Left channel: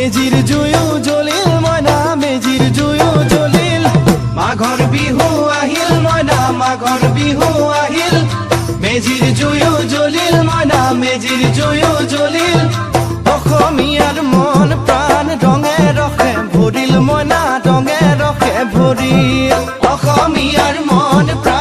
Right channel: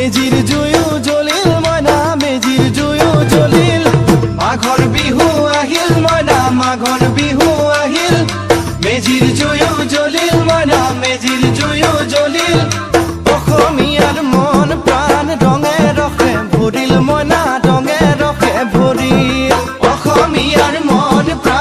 মেজিৰ জুয়ো জ্বলিল মইনা মেজিৰ জুয়ো জ্বলিল মাঘৰ বিহু আহিল মইনা মাঘৰ বিহু আহিল মেজিৰ জুয়ো জ্বলিল মইনা মেজিৰ জুয়ো জ্বলিল অসমীয়াৰ মন প্ৰাণ ৰঙে ৰসে ভৰিল মইনা ৰঙে ৰসে ভৰিল অসমীয়াৰ মন প্ৰাণ